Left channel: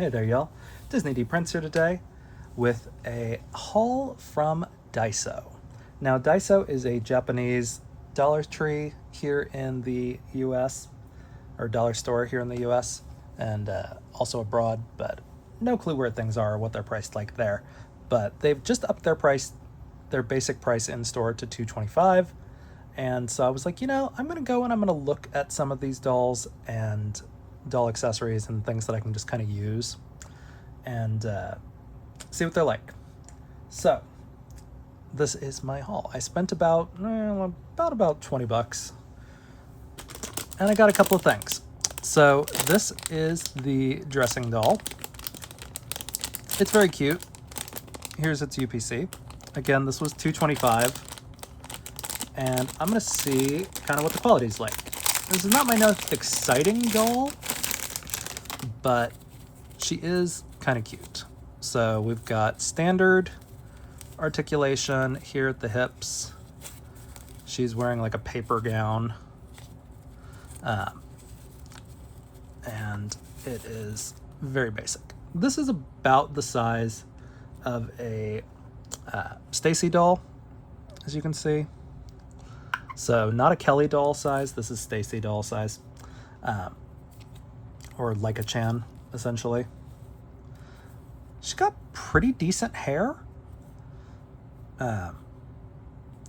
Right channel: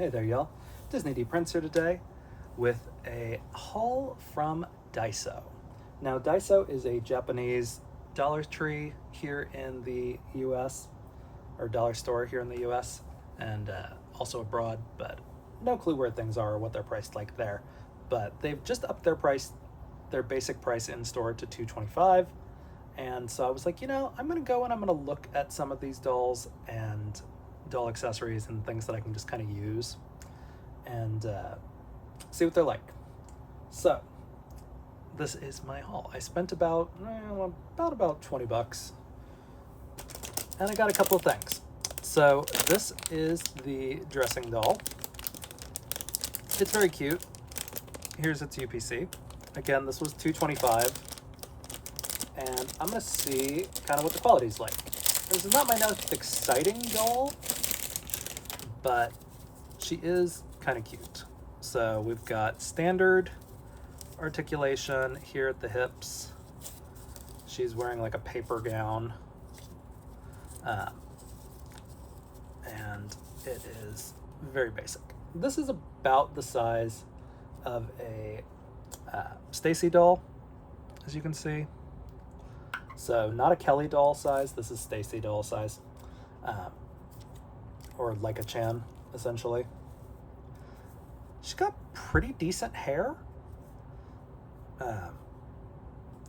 Hey there, y'all. Disney D Prince here today with a haul from Daiso. Now, Daiso is a Japanese Dollar Tree here in the US, or dollar store here in the US, and also abroad, but no clue where things are or what they're priced like there. But they've just upped their price, their basic price in store to $225. And so I was like, I'm gonna go and I'm gonna look at some of these dolls and doll accessories and things that I can just kind of use and see what they're like. So this is my haul. I spent about 20 bucks and I got a couple of things. So this is the dressing doll. It's very cute. Here's its UPC. Again, this was $225. And I'm gonna see kind of what the quality's like. This is not my most exciting doll, but she is kind of cute. So we've got standard articulation here at the hips. She's wearing like a paper gown. And it is very basic. This is about the size of a Stacy doll, as you can see. So not a Kelly doll size, this is Stacy doll size. Or like a Chan, essentially. She's got pretty decent hair.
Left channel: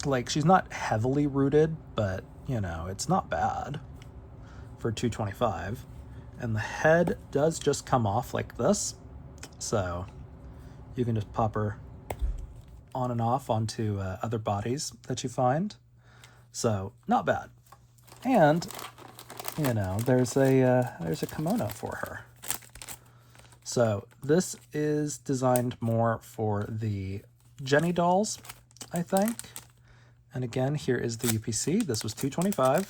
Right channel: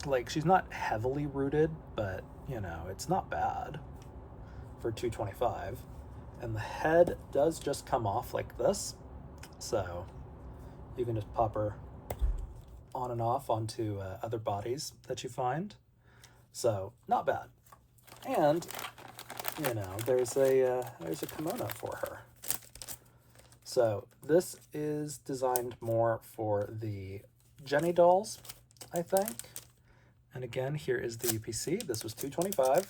Like, she's not heavily rooted, but, it's not bad for $225. And the head does just come off like this. So you can just pop her on and off onto other bodies that you find. So not bad. And there's a kimono for her. So this is designed more for the Jenny dolls, I think. And again, here is the UPC. This was $225.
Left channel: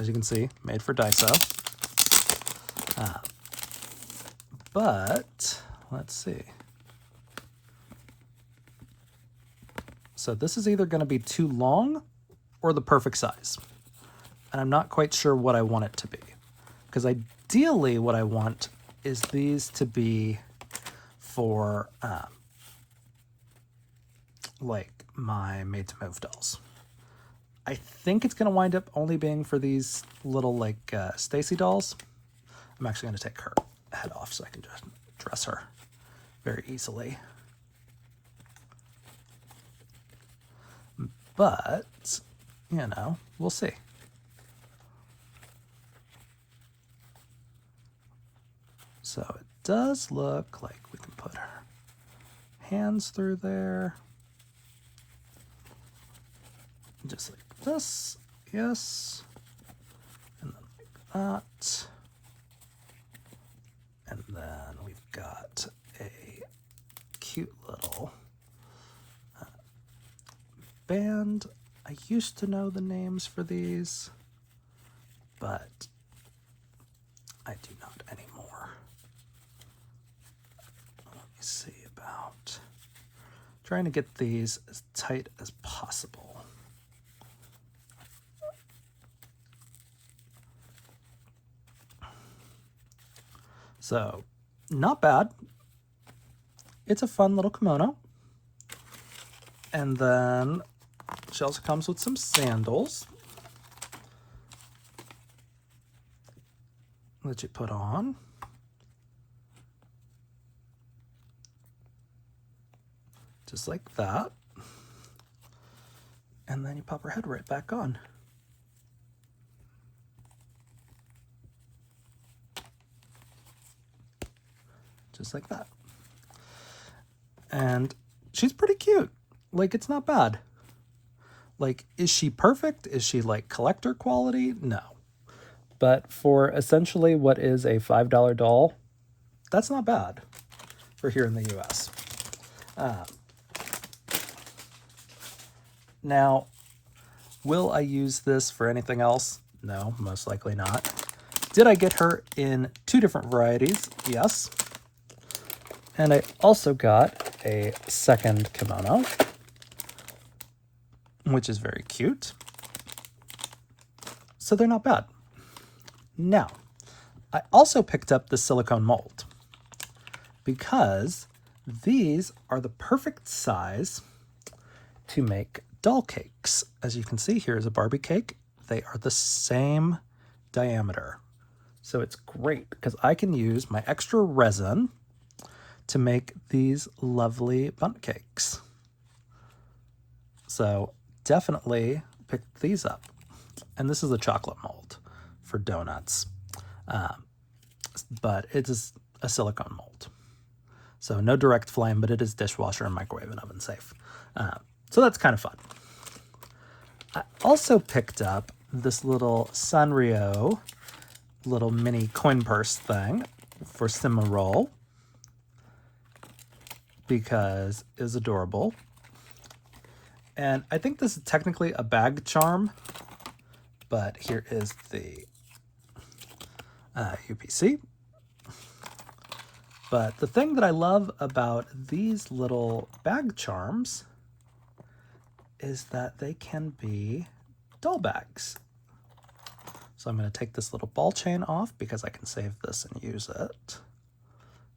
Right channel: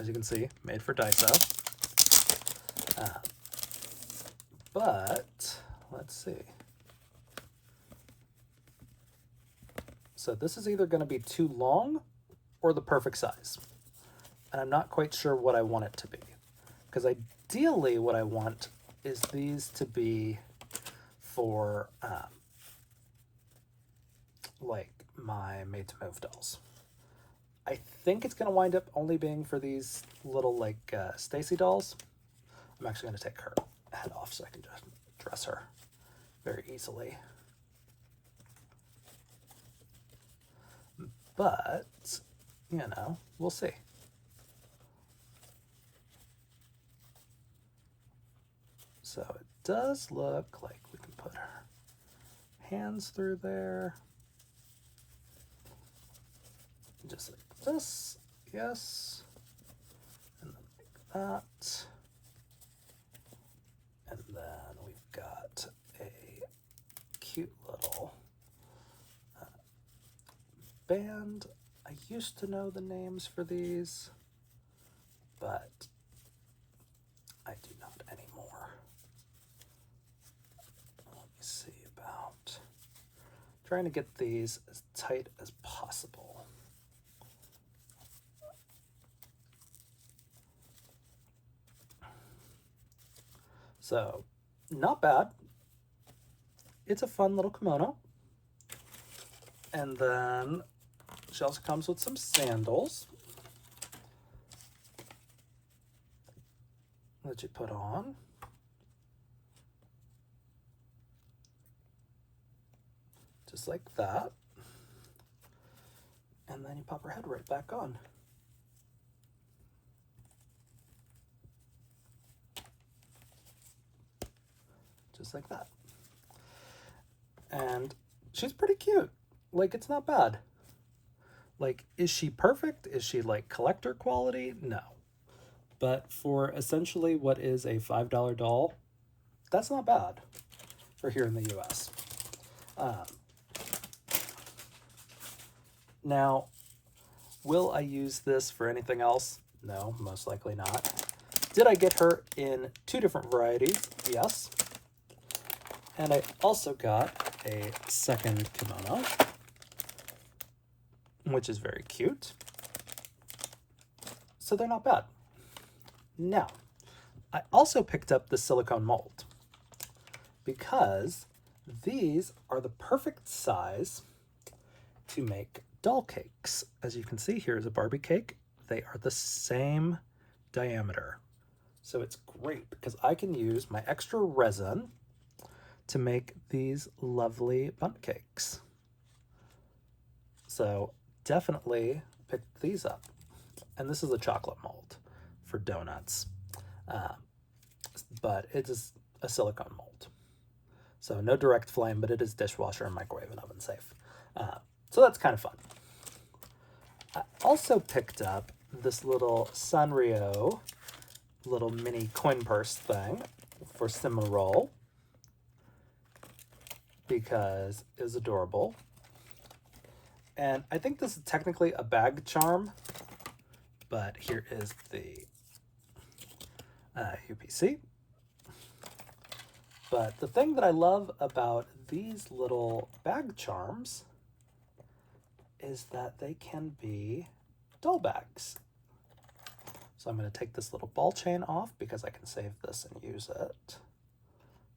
As you can see, made for Daiso. But let's see. So this is either going to be too long or the perfect size. And I'm not quite sure what I want it to be. Because ideally what I want is these to be for like my made to move dolls. I think it's going to wind up only being for these little like Stacy dolls. I'm actually going to take her head off so I can just dress her very easily. But, we'll see. So it does look like we can put her hands through there. Just like this, yes. And then like that. And then we've got a cute little band. I used to know the names for these, but I do not anymore. Let me see about trying to get these as tight as possible. So, not bad. It's a fun little kimono. And then she also comes with some sandals that you put on. Just like that. And then you pop her head right back on. Just like that. And she's pretty cute. Like, it's not bad. Like, is she perfect? Is she like collector quality? No. But for essentially what is a $5 doll, that's not bad for here in the US. Now, will I use this for anything else? No, most likely not. Did I get her in 2 different varieties? Yes. And I also got a second kimono, which is very cute. So they're not bad. Now, I also picked up the silicone mold. because these are the perfect size to make doll cakes. As you can see, here is a Barbie cake. They are the same diameter. So it's great because I can use my extra resin to make these lovely bundt cakes. So definitely pick these up. And this is a chocolate mold for donuts, but it is a silicone mold. So no direct flame, but it is dishwasher and microwave and oven safe. So that's kind of fun. I also picked up this little Sanrio little mini coin purse thing for Cimarol because it's adorable. And I think this is technically a bag charm, but here is the UPC. But the thing that I love about these little bag charms is that they can be doll bags. So I'm going to take this little ball chain off because I can save this and use it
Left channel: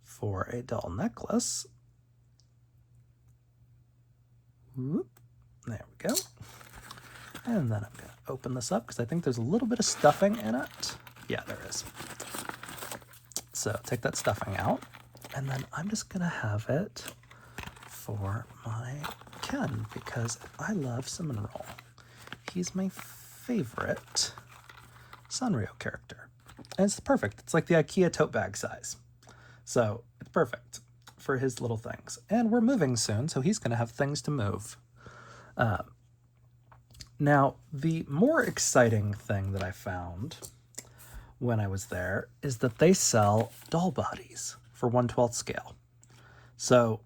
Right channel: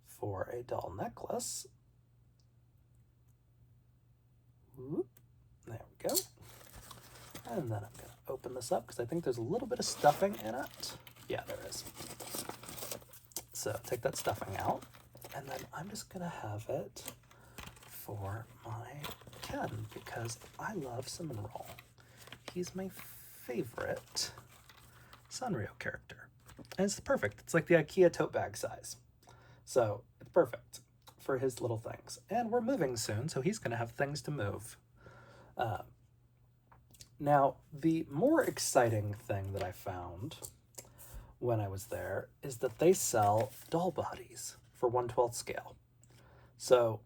for a doll necklace. Whoop. There we go. And then I'm going to open this up because I think there's a little bit of stuffing in it. Yeah, there is. So take that stuffing out, and then I'm just going to have it for my Ken because I love Cinnamon Roll. He's my favorite Sanrio character. And it's perfect. It's like the IKEA tote bag size. So it's perfect for his little things. And we're moving soon, so he's going to have things to move. Now, the more exciting thing that I found when I was there is that they sell doll bodies for 1/12 scale. So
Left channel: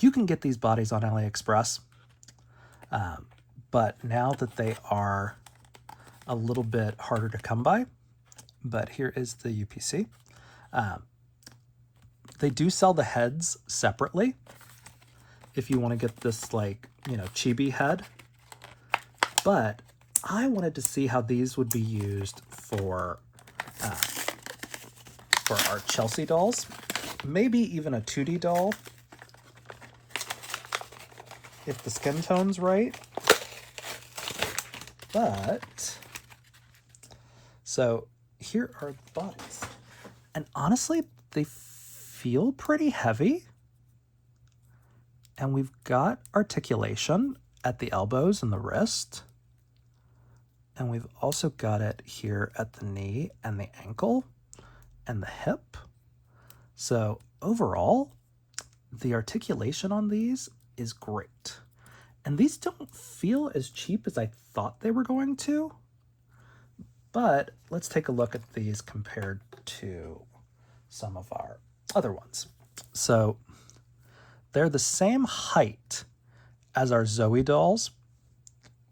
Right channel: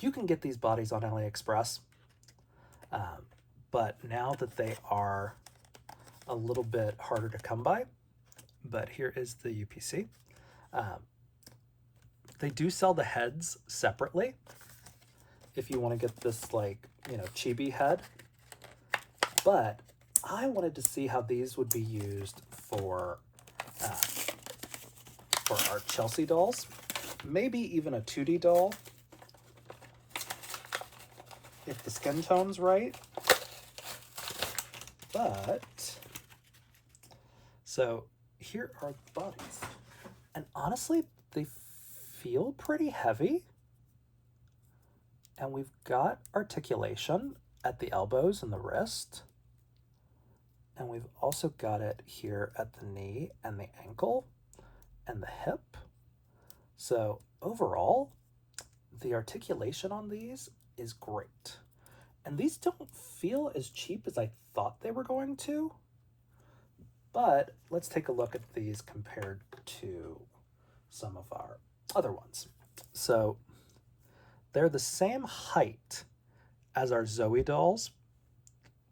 you can get these bodies on AliExpress, but now that they are a little bit harder to come by, but here is the UPC. They do sell the heads separately if you want to get this, like, you know, chibi head, but I wanted to see how these would be used for our Chelsea dolls, maybe even a 2D doll if the skin tone's right. But so here are the bodies, and honestly they feel pretty heavy, and we've got articulation at the elbows and the wrist, and we've also got it here at the knee and the ankle and the hip. So overall, the articulation on these is great. And these don't feel as cheap as I thought they were going to. But let's take a look at these compared to some of our other ones. So they're the same height as our Zoe dolls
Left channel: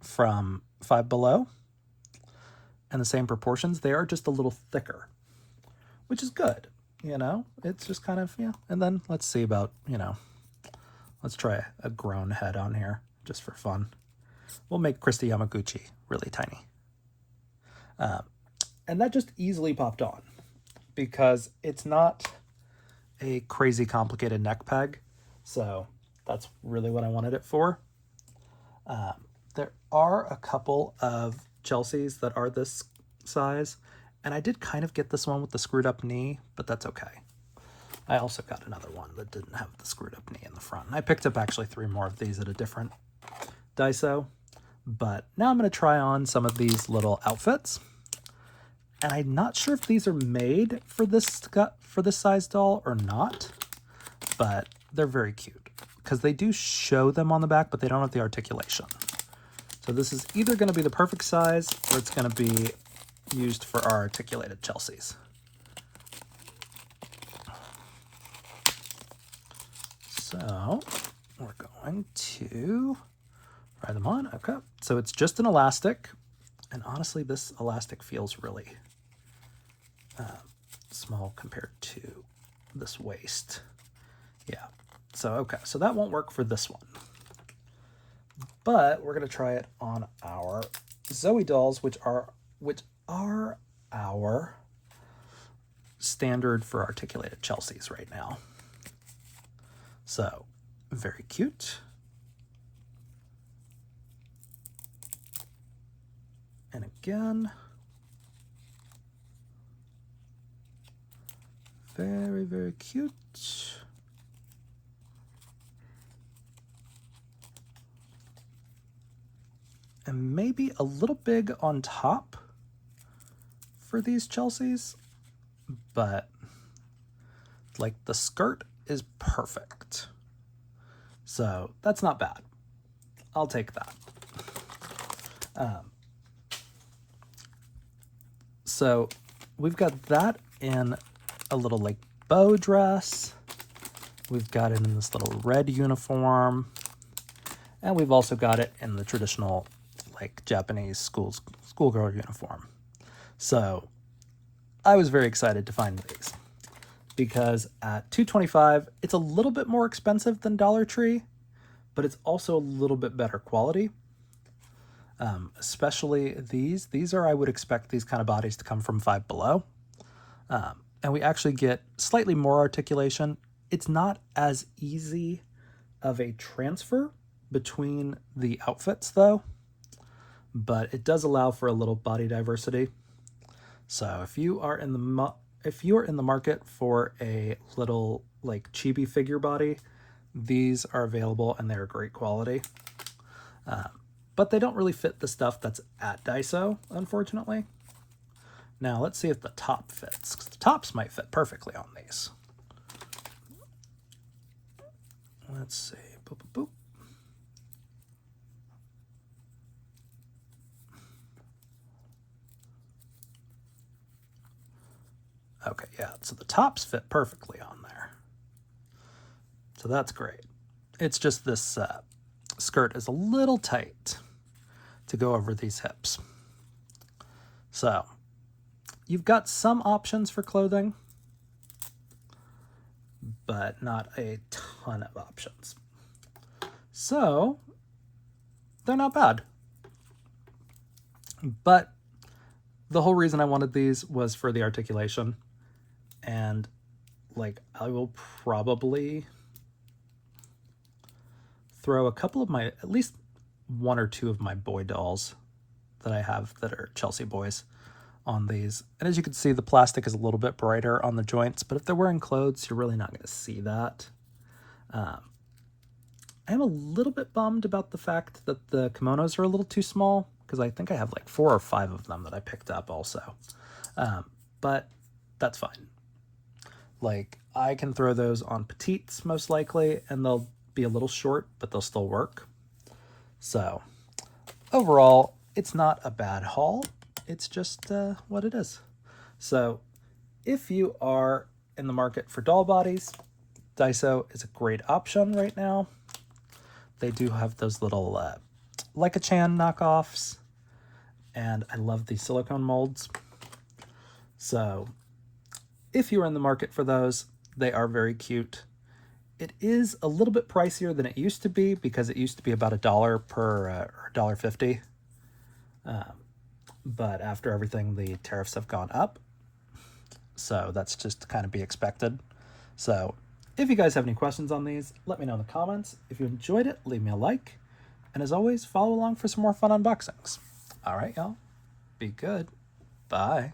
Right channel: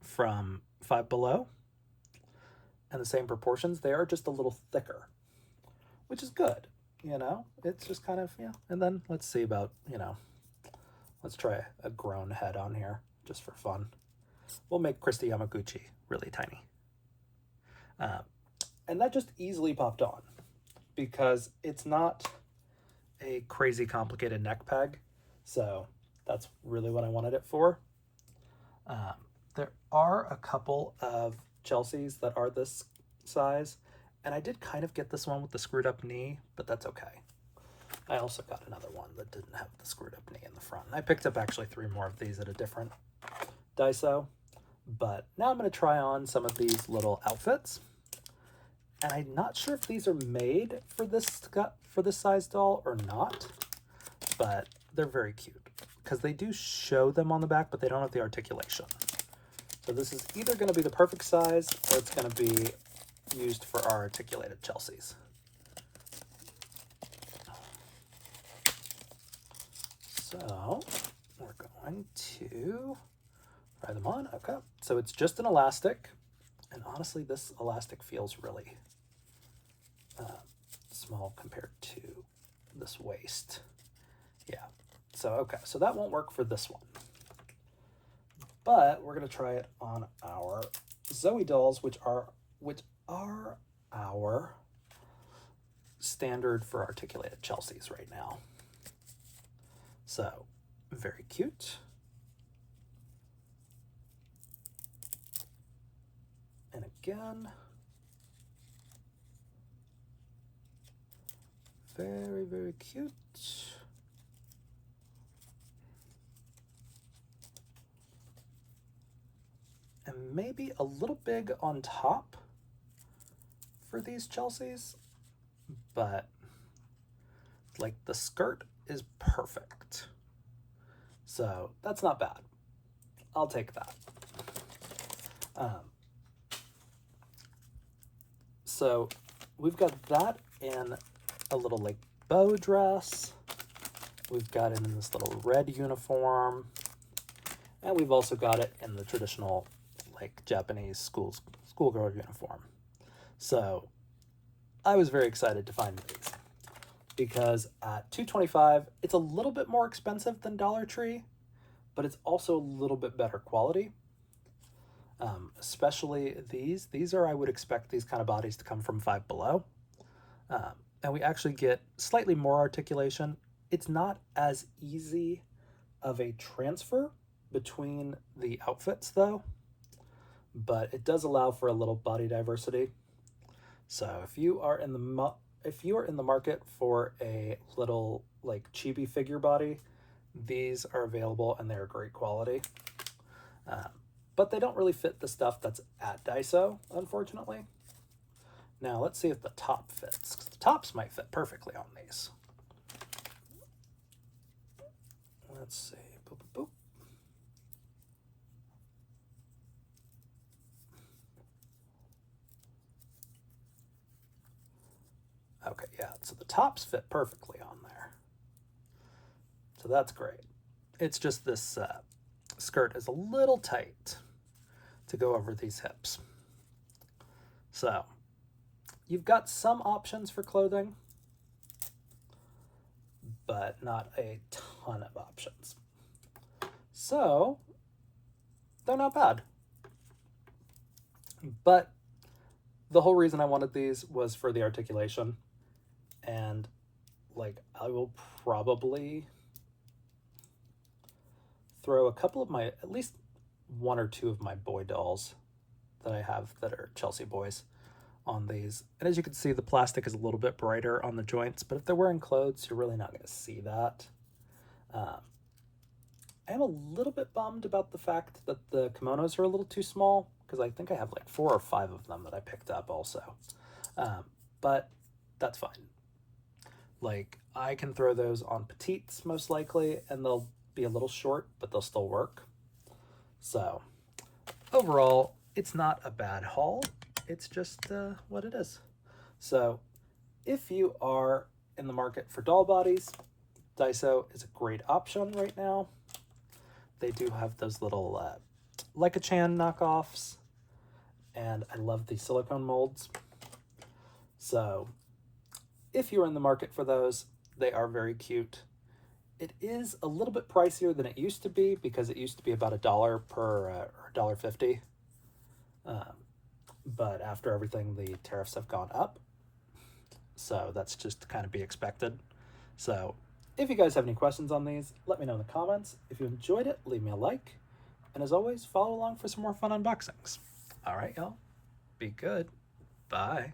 from Five Below, and the same proportions. They are just a little thicker, which is good, you know? It's just kind of, yeah. And then let's see about, you know, let's try a grown head on here just for fun. We'll make Christy Yamaguchi really tiny. And that just easily popped on because it's not a crazy complicated neck peg. So that's really what I wanted it for. There are a couple of Chelseas that are this size, and I did kind of get this one with the screwed up knee, but that's okay. I also got another one that didn't have the screwed up knee in the front. And I picked up actually 3 more of these at a different Daiso, but now I'm going to try on some of these little outfits. And I'm not sure if these are made for this size doll or not, but they're very cute because they do show them on the back, but they don't have the articulation. So this is either going to be the perfect size or it's going to be used for our articulated Chelseas. So we're going to try them on. Okay, so it's just an elastic, and honestly this elastic feels really small compared to this waist. Yeah, so okay, so that won't work for this one, but we're going to try it on our Zoe dolls, which are our standard for articulated Chelseas right now. So, very cute. And again, very, very cute. And maybe a little big on top for these Chelseas, but like the skirt is perfect. So that's not bad. I'll take that. So we've got that in a little like bow dress. We've got it in this little red uniform. And we've also got it in the traditional like Japanese schoolgirl uniform. So I was very excited to find these because at $2.25, it's a little bit more expensive than Dollar Tree, but it's also a little bit better quality. Especially these. These are, I would expect these kind of bodies to come from Five Below. And we actually get slightly more articulation. It's not as easy of a transfer between the outfits though, but it does allow for a little body diversity. So if you are in the market for a little like chibi figure body, these are available and they're great quality. But they don't really fit the stuff that's at Daiso, unfortunately. Now let's see if the top fits, because the tops might fit perfectly on these. Let's see. Boop, boop, boop. Okay, yeah, so the tops fit perfectly on there. So that's great. It's just this skirt is a little tight to go over these hips. So you've got some options for clothing, but not a ton of options. So they're not bad. But the whole reason I wanted these was for the articulation. And like I will probably throw a couple of my, at least one or two of my boy dolls that I have that are Chelsea boys on these. And as you can see, the plastic is a little bit brighter on the joints, but if they're wearing clothes, you're really not going to see that. I am a little bit bummed about the fact that the kimonos are a little too small, because I think I have like 4 or 5 of them that I picked up also. But that's fine. Like, I can throw those on petites most likely, and they'll be a little short, but they'll still work. So overall, it's not a bad haul. It's just what it is. So if you are in the market for doll bodies, Daiso is a great option right now. They do have those little Leica-chan knockoffs, and I love the silicone molds. So if you're in the market for those, they are very cute. It is a little bit pricier than it used to be, because it used to be about $1 per or $1.50. But after everything, the tariffs have gone up. So that's just to kind of be expected. So if you guys have any questions on these, let me know in the comments. If you enjoyed it, leave me a like. And as always, follow along for some more fun unboxings. All right, y'all. Be good. Bye.